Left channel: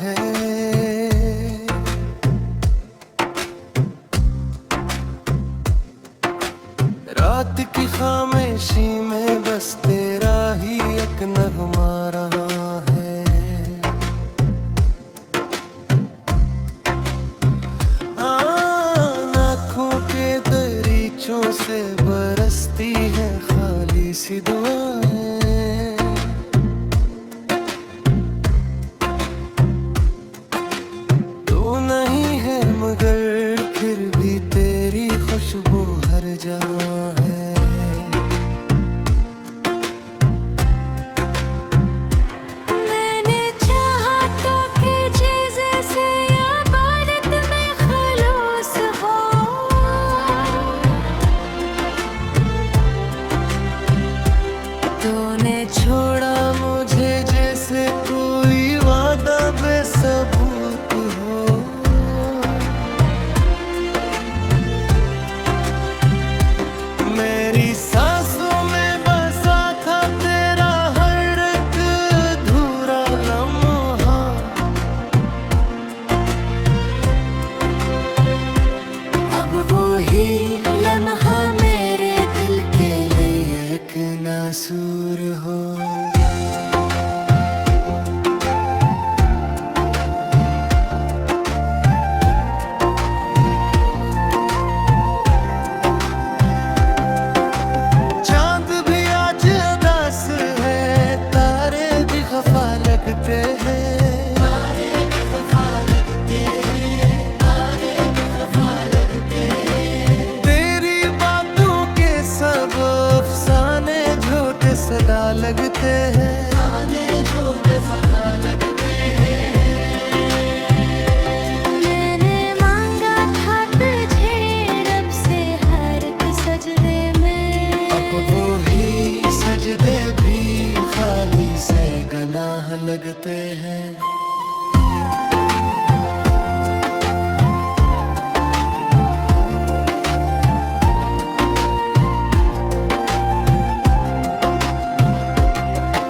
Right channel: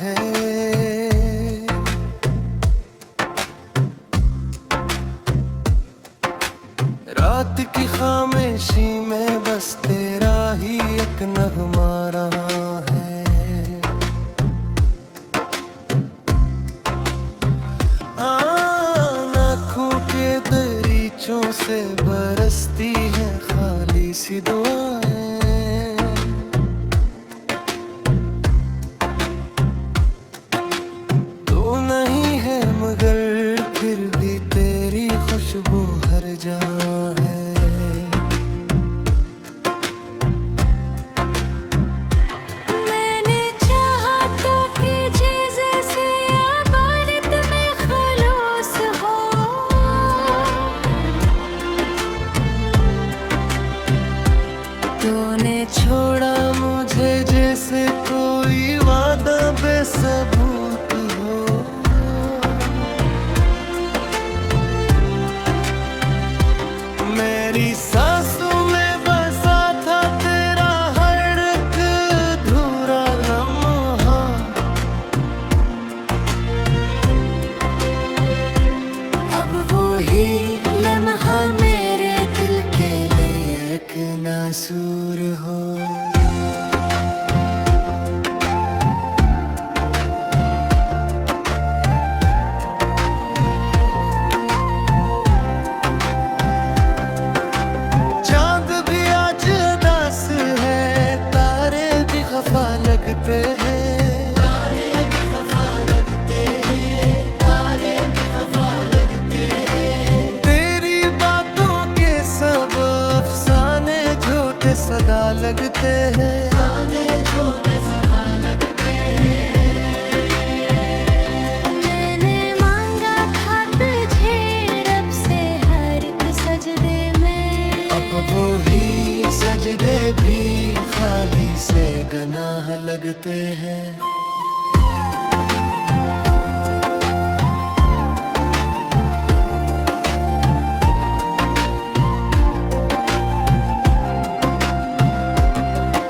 है। रात की खामोशी में बस तेरा ही एक नगमा रहा है। आँखों के दरीचों से बरसती है खाली सी दुआएं। तू नहीं है मगर फिर भी तेरी खुशबू हर जगह है। मैंने चाहा तो कि जैसे इबादत में खलूस हो, तूने छोड़ा मुझे जैसे कोई वादा बेसबूत हो। मेरी सांसों में बसा था तेरा हर एक अधूरा लम्हा। अब वो ही लम्हा मेरे दिल के लिए एक नासूर हो। चांद भी आज उदास है, तारे भी खफा लगते हैं। तेरी बातों के सब अफसाने झूठे सदा लगते हैं। मैंने मांगा था तुझे रब से हर एक सजदे में। अब वो ही सजदे भी खाली से गनाह लगते हैं।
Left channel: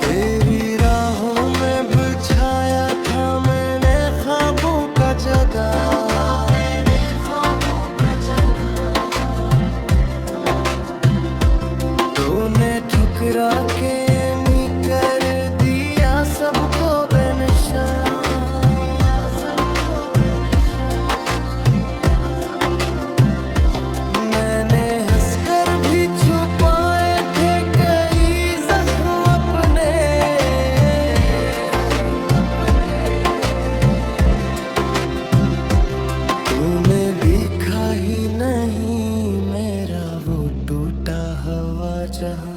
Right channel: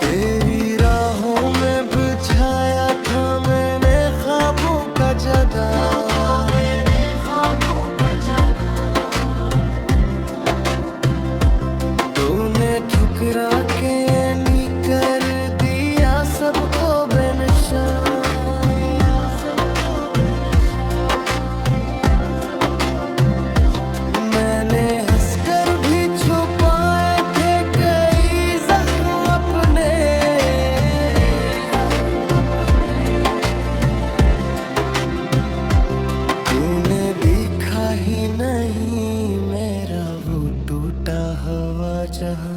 तेरी राहों में बिछाया था मैंने ख्वाबों का जदा। तूने ठुकरा के नी कर दिया सबको बेनिशान। मैंने हंसकर भी छुपाए थे कई जख्म अपने। तूने देखा ही नहीं मेरा वो टूटा हुआ जहां।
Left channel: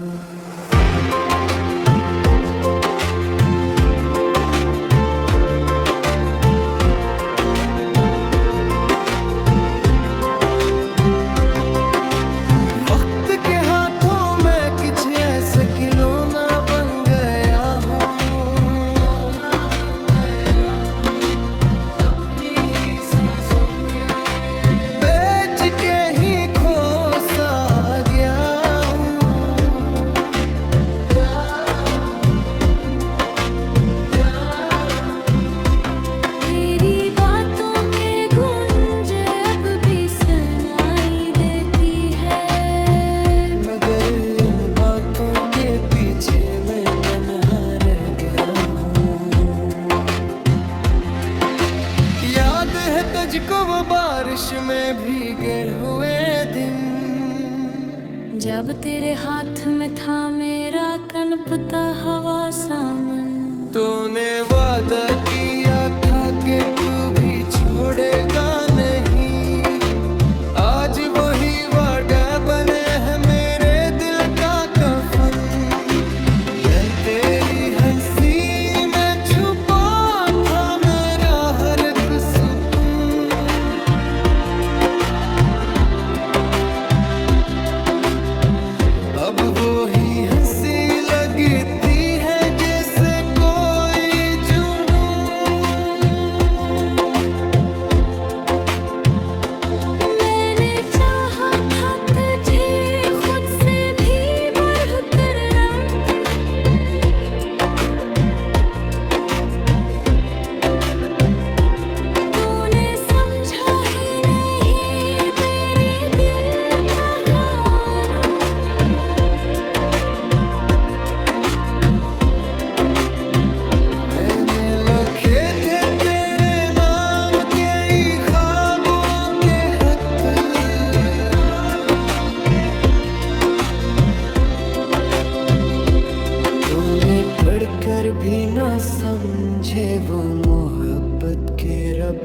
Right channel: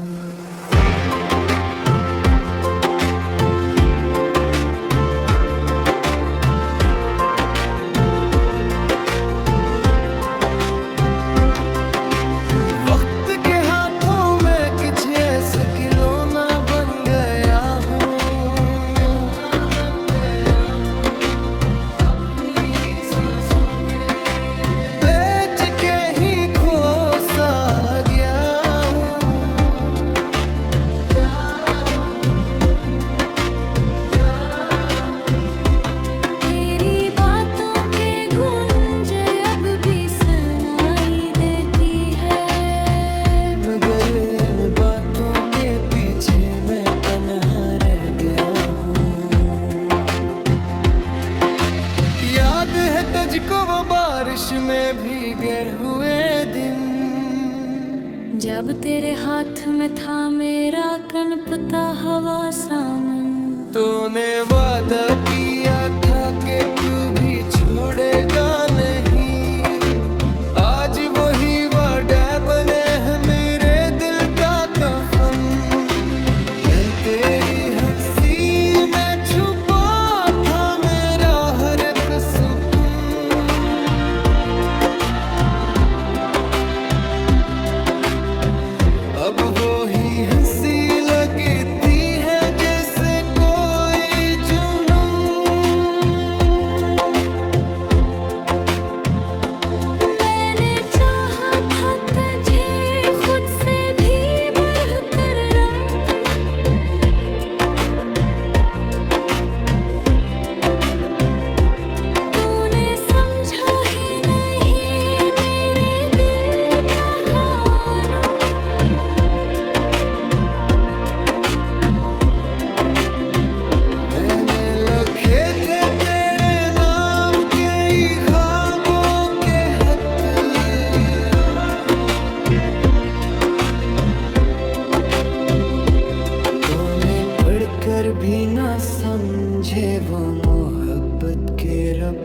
वक्त के हाथों में कुछ ऐसे खिलौना बन गया हूँ। बेच के ही खो सा गया हूँ। तेरी बातों के गूंज अब भी सुनाई देती है, मगर इन बातों के पीछे मैं तन्हा रह गया हूँ। याद है तुझको वो बारिश में भीगे हुए दिन, जब तेरे हाथ में था मेरा कनपता हवा सामन। तूने वादा किया था कि तू भी छोड़ेगा नहीं। आज वही वादा बने है मेरे दिल का कफन। दिल तेरी हंसी में छुपा था मेरा हर एक सुकून। अब वो ही हंसी लगती है जैसे कोई जुनून। मैंने चाहा मैंने लिखे थे तेरे नाम के ही ख्वाबों के खत, तूने पढ़कर भी ना समझे वो मोहब्बत के रब।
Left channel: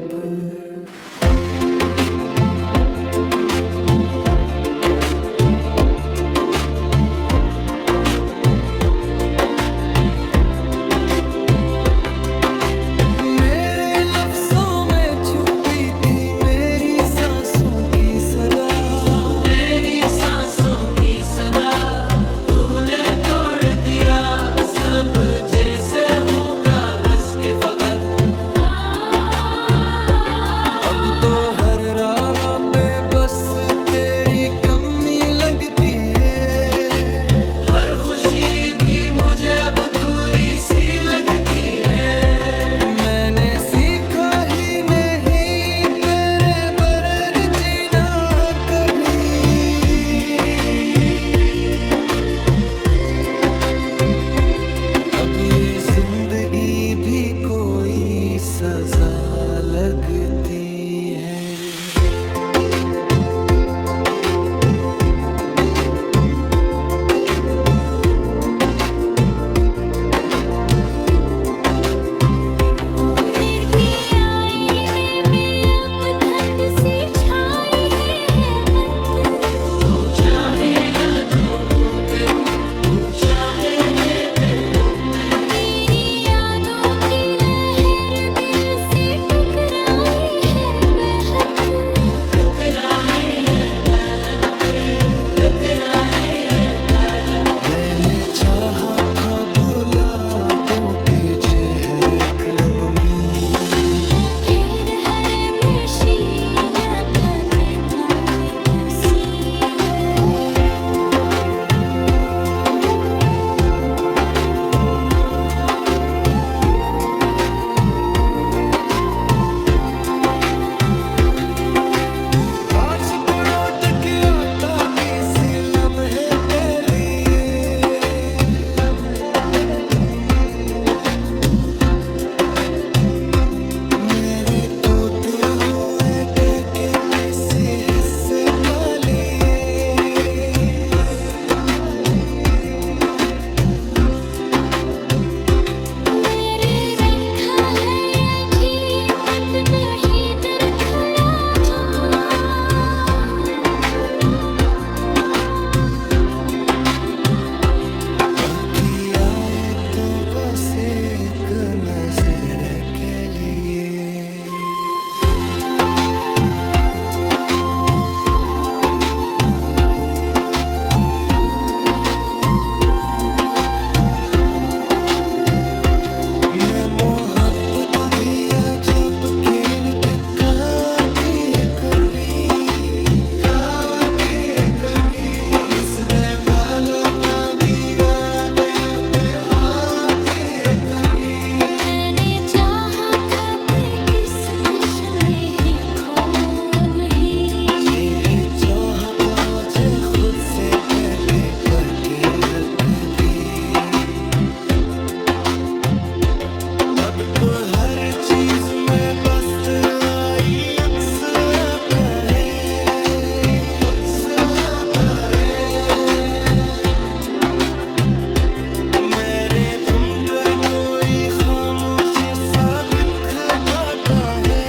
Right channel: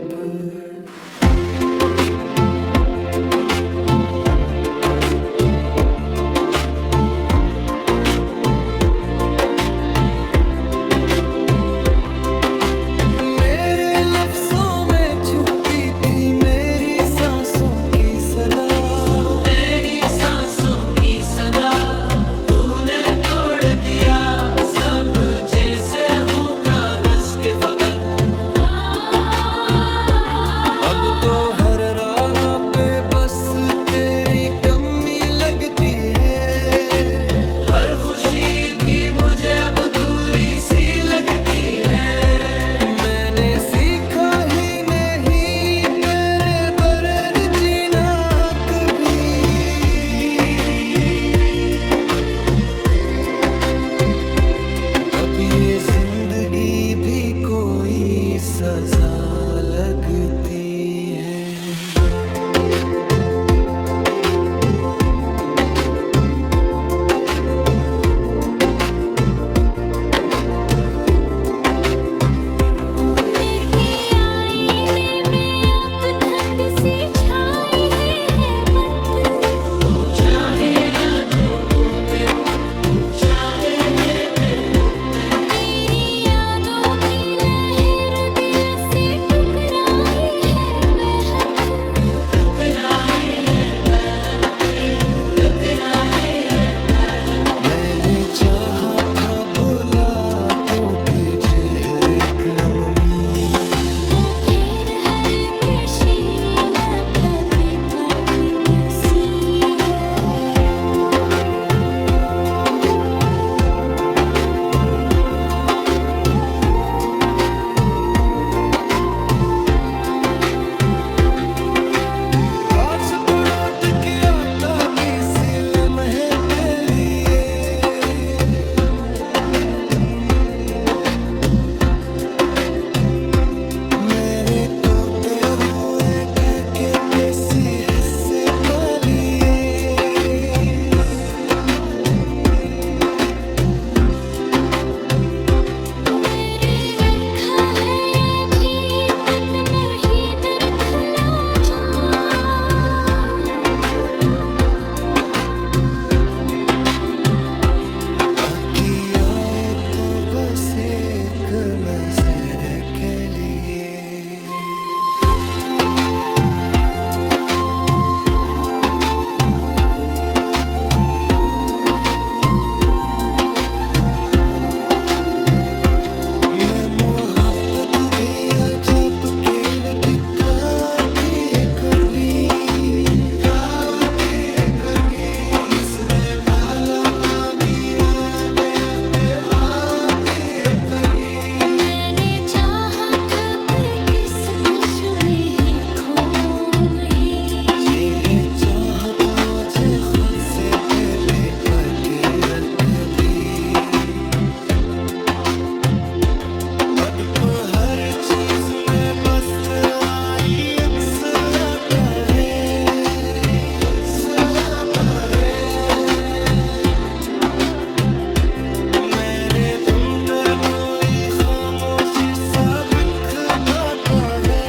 मेरे लफ्जों में छुपी थी मेरी सांसों की सदा, मेरी सांसों की सदा तूने तोड़ दिया सब, जैसे हूँ कागज के फकत। अब तो हर राह पे बस तेरी कमी लगती है, हर खुशी भी मुझे अब दूरी सी लगती है। मैंने सीखा ही नहीं तेरे बगैर जीना कभी, अब ये जिंदगी भी कोई सजा लगती है। मेरे आईने में अब ठंड सी छाई है बत, तेरी यादों की लहर दिल से टकराई है बेहद। मैंने चाहा था भुला दूं के चेहरे कलमी, फिर हर में शीला था तेरा नसीब है। काश पलट के आता किसी लम्हे के लिए, मेरे तोते हुए करके किसी हिस्से पालिए। मेरे रखा है ये ठीक पे नहीं दरखला, बाकी आए तो बस एक नजर के लिए। मैं मोहब्बत भी अजब खेल दिखाती है कभी, इसने पाला ना दिया पे आती है कभी। मैंने चाहा था कि किस किश में ही खो नहीं, ये चाहतों मुझे खुद से भी पटे रख भी, अब तो हर चीज में बस आई अक्स आता है। मेरे तुम पर कोई खामोशी सा दुख आता है।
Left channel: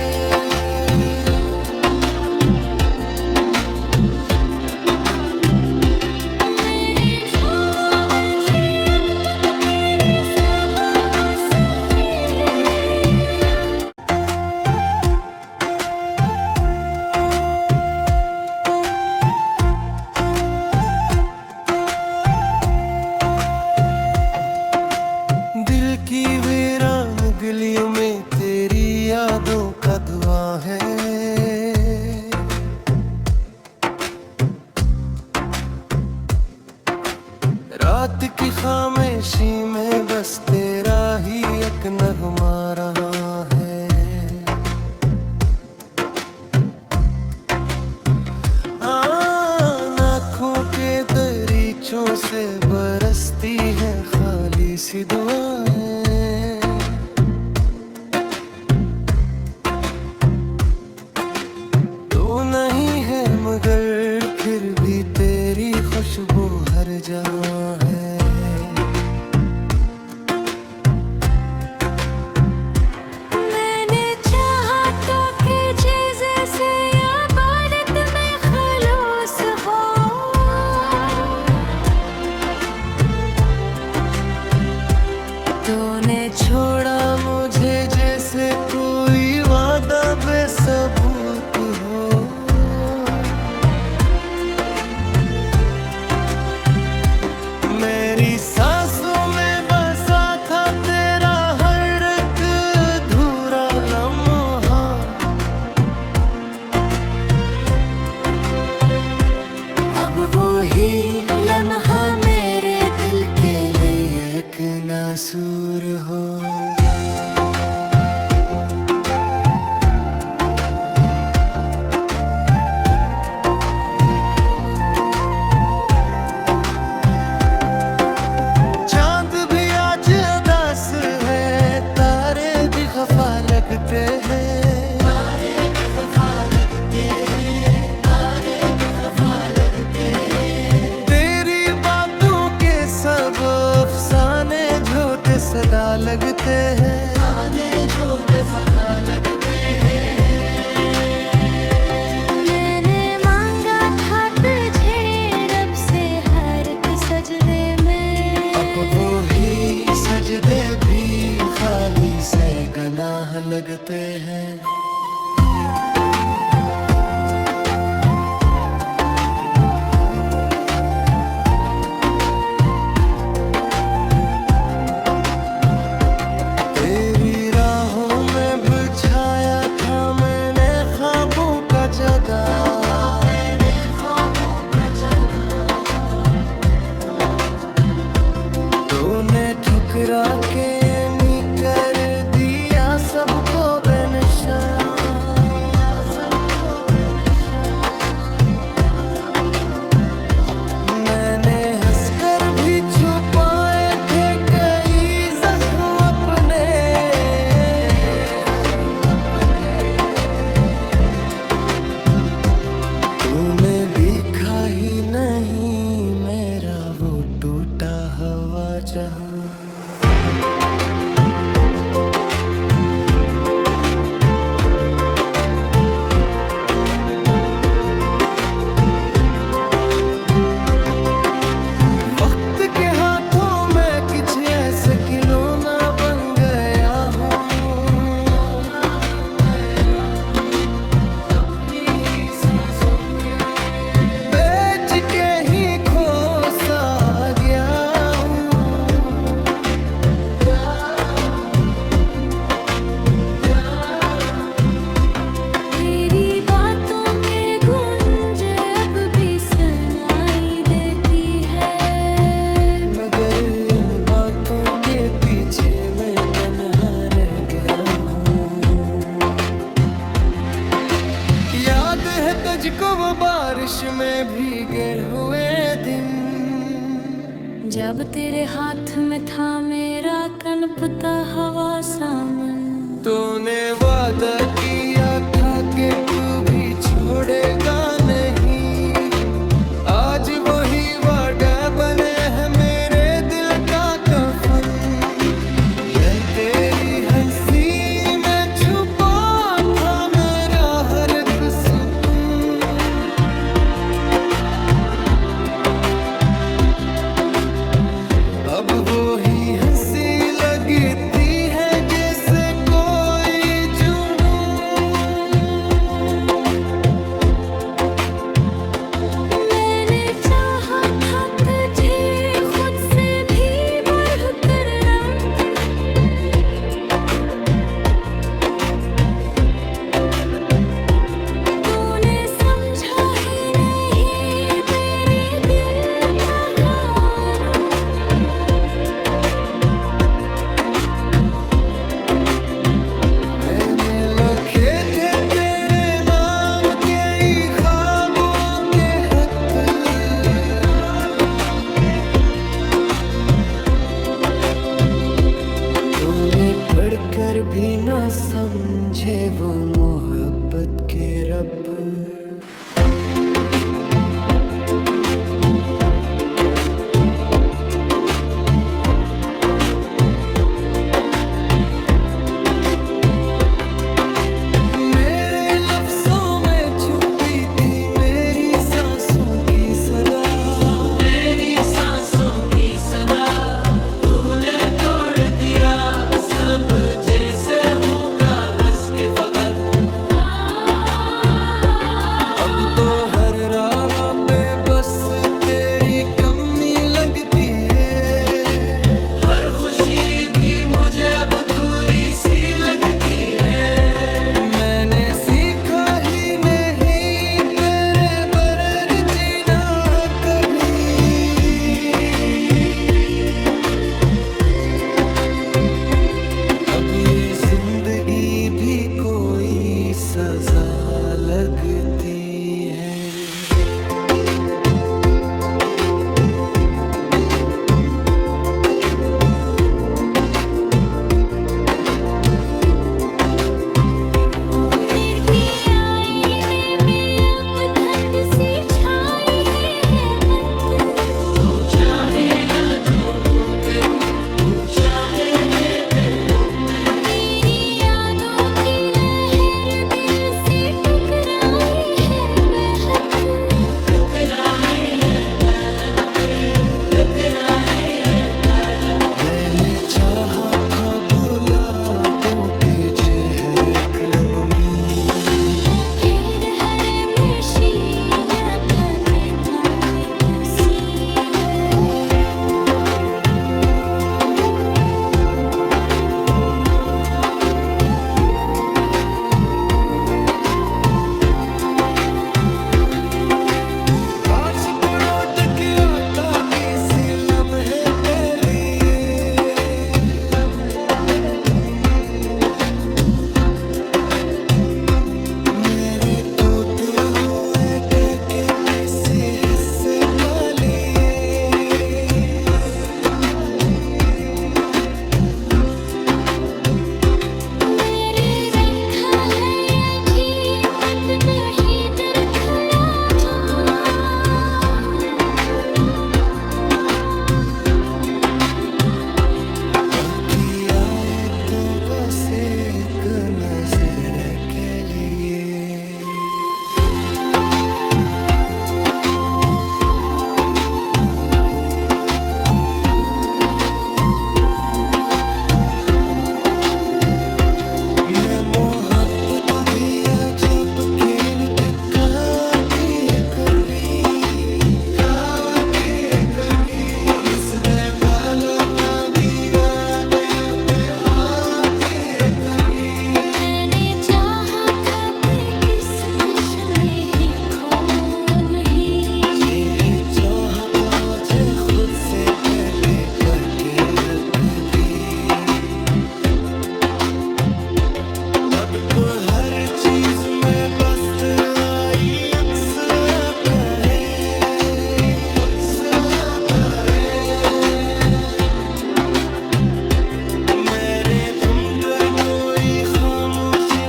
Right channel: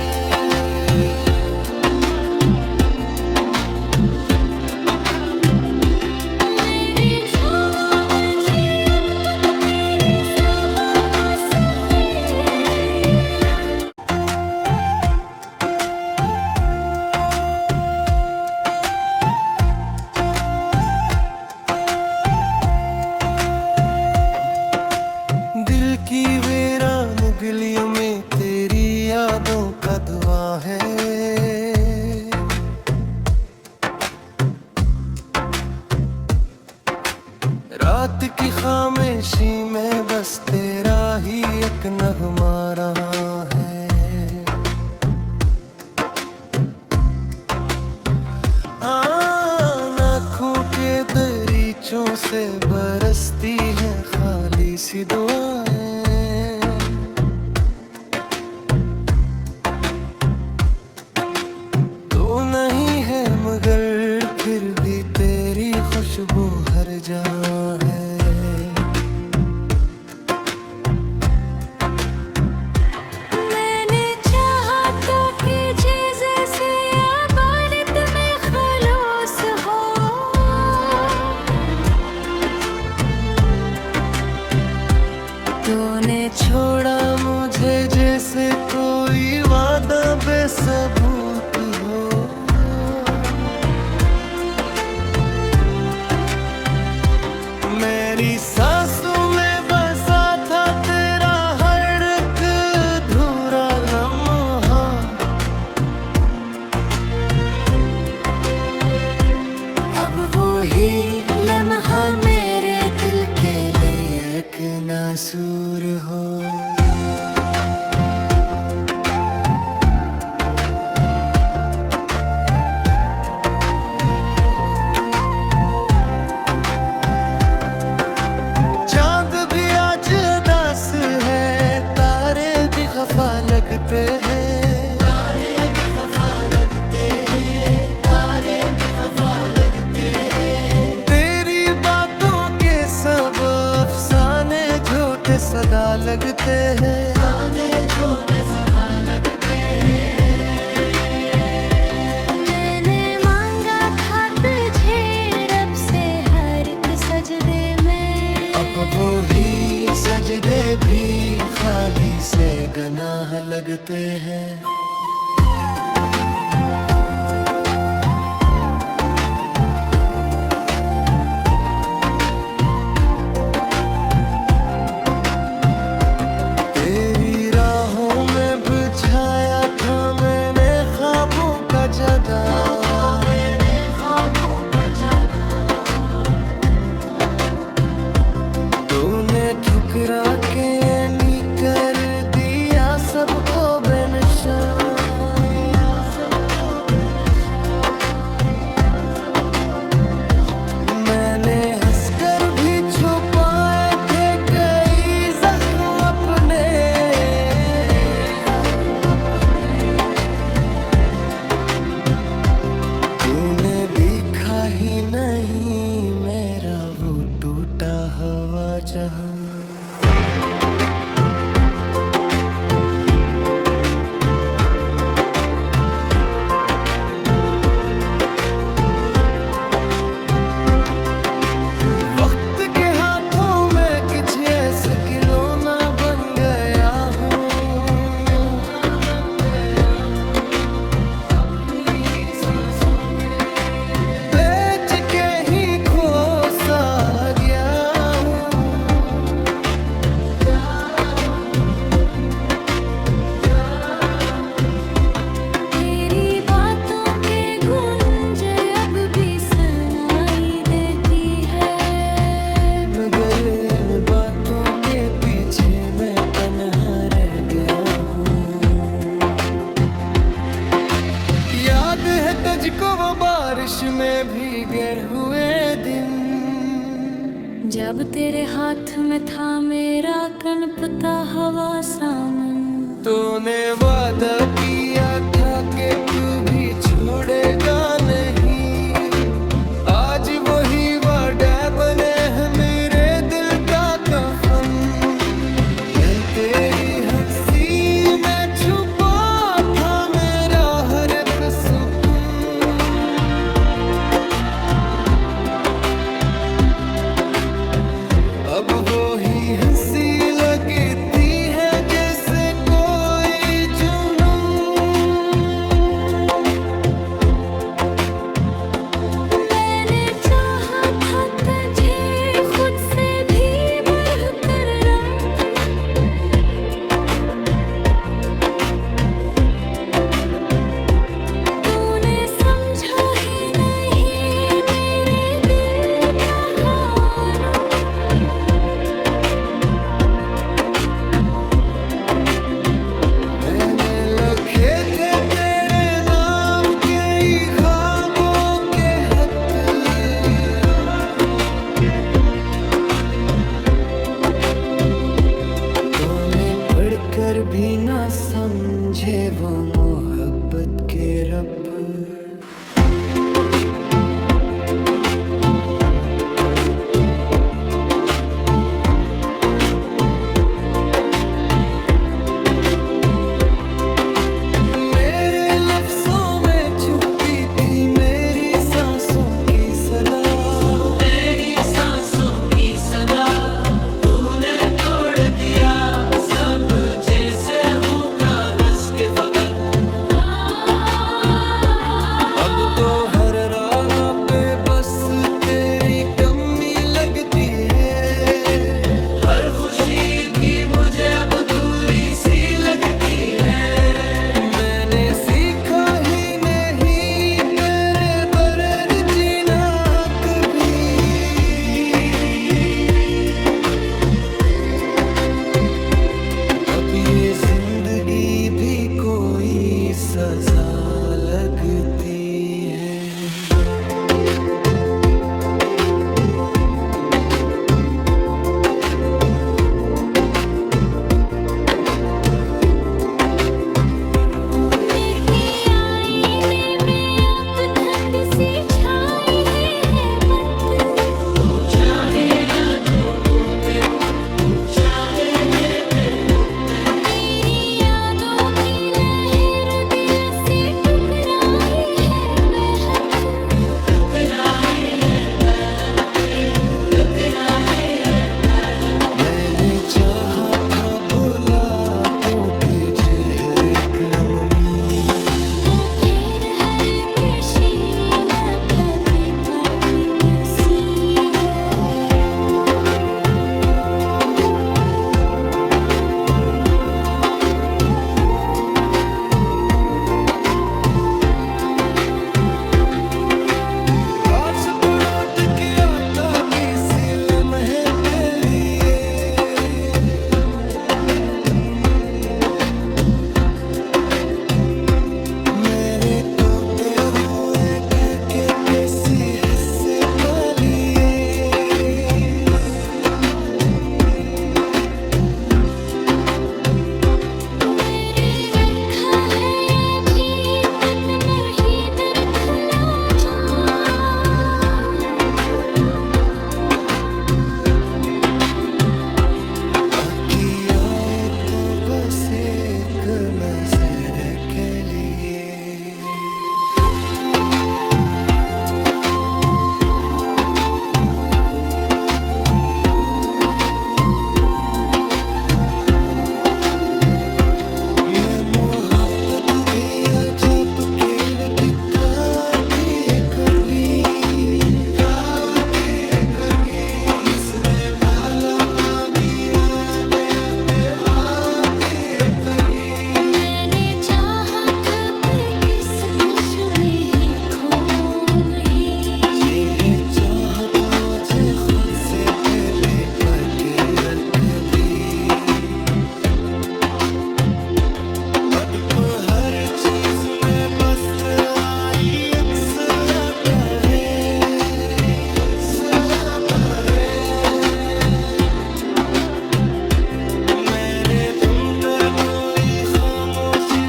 मेरी छाँव में से अद्भुत तेरी सब हंसती। दिल की वीरान गलियों में तेरी यादों का दुआ है, रात की खामोशी में बस तेरा ही एक नगमा रहा है। आँखों के दरीचों से बरसती है खाली सी दुआएं, सबूत हो। मेरी सांसों में बसा था तेरा हर एक अधूरा लम्हा। अब वो ही लम्हा मेरे दिल के लिए एक नासूर हो। चांद भी आज उदास है, तारे भी खफा लगते हैं। तेरी बातों के सब अफसाने झूठे सदा लगते हैं। मैंने मांगा था तुझे रब से हर एक सजदे में। अब वो ही सजदे भी खाली से गनाह लगते हैं। तेरी राहों में बिछाया था मैंने ख्वाबों का जगह। तूने ठुकरा के नी कर दिया सबको बेनिशान। मैंने हंसकर भी छुपाए थे कई जख्म अपने। तूने देखा ही नहीं मेरा वो टूटा हुआ जहां। वक्त के हाथों में कुछ ऐसे खिलौना बन गया हूँ। बेच के ही खो सा गया हूँ। तेरी बातों के गूंज अब भी सुनाई देती है। मगर इन बातों के पीछे मैं तन्हा रह गया हूँ। याद है तुझको वो बारिश में भीगे हुए दिन, जब तेरे हाथ में था मेरा कनपता हवा सामन। तूने वादा किया था कि तू भी छोड़ेगा नहीं। आज वही वादा बने है मेरे दिल का कफन। मैं तेरी हंसी में छुपा था मेरा हर एक सुकून। अब वो ही हंसी लगती है जैसे कोई जुनून। मैंने चाहा था तुझे खुद से भी बढ़कर रब। तूने समझा ही नहीं मेरे दिल का कानून। मैंने लिखे थे तेरे नाम के ही ख्वाबों के खत। तूने पढ़कर भी ना समझे वो मोहब्बत के रब। मेरे लफ्जों में छुपी थी मेरी सांसों की सदा। मेरी सांसों की सदा तूने तोड़ दिया सब जैसे हूँ कागज के फकत। ये जिंदगी भी कोई सजा लगती है। मेरे आईने में अब ठंड सी छाई है बत। तेरी यादों की लहर दिल से टकराई है बेहद। मैंने चाहा था भुला दूं के चेहरे कलमी, वो फिर हर नशीला था दिन सी है। काश लौट के आता किसी लम्हे के लिए, मेरे टूटे हुए दिल के किसी हिस्से पा लिए। मेरे रखा है ये जीत वही दर खला जा। बाकी आए तो बस एक नजर के लिए। मैं मोहब्बत भी अजब खेल दिखाती है कभी, इसमें काला मदीना पे आती है कभी। मैंने चाहा था कि किस किश में ही खो नहीं। ये चाहत मुझे खुद से भी बढ़ के रख भी। अब हर चीज में बस आई अक्स आता है। मेरे अंदर कोई खामोशी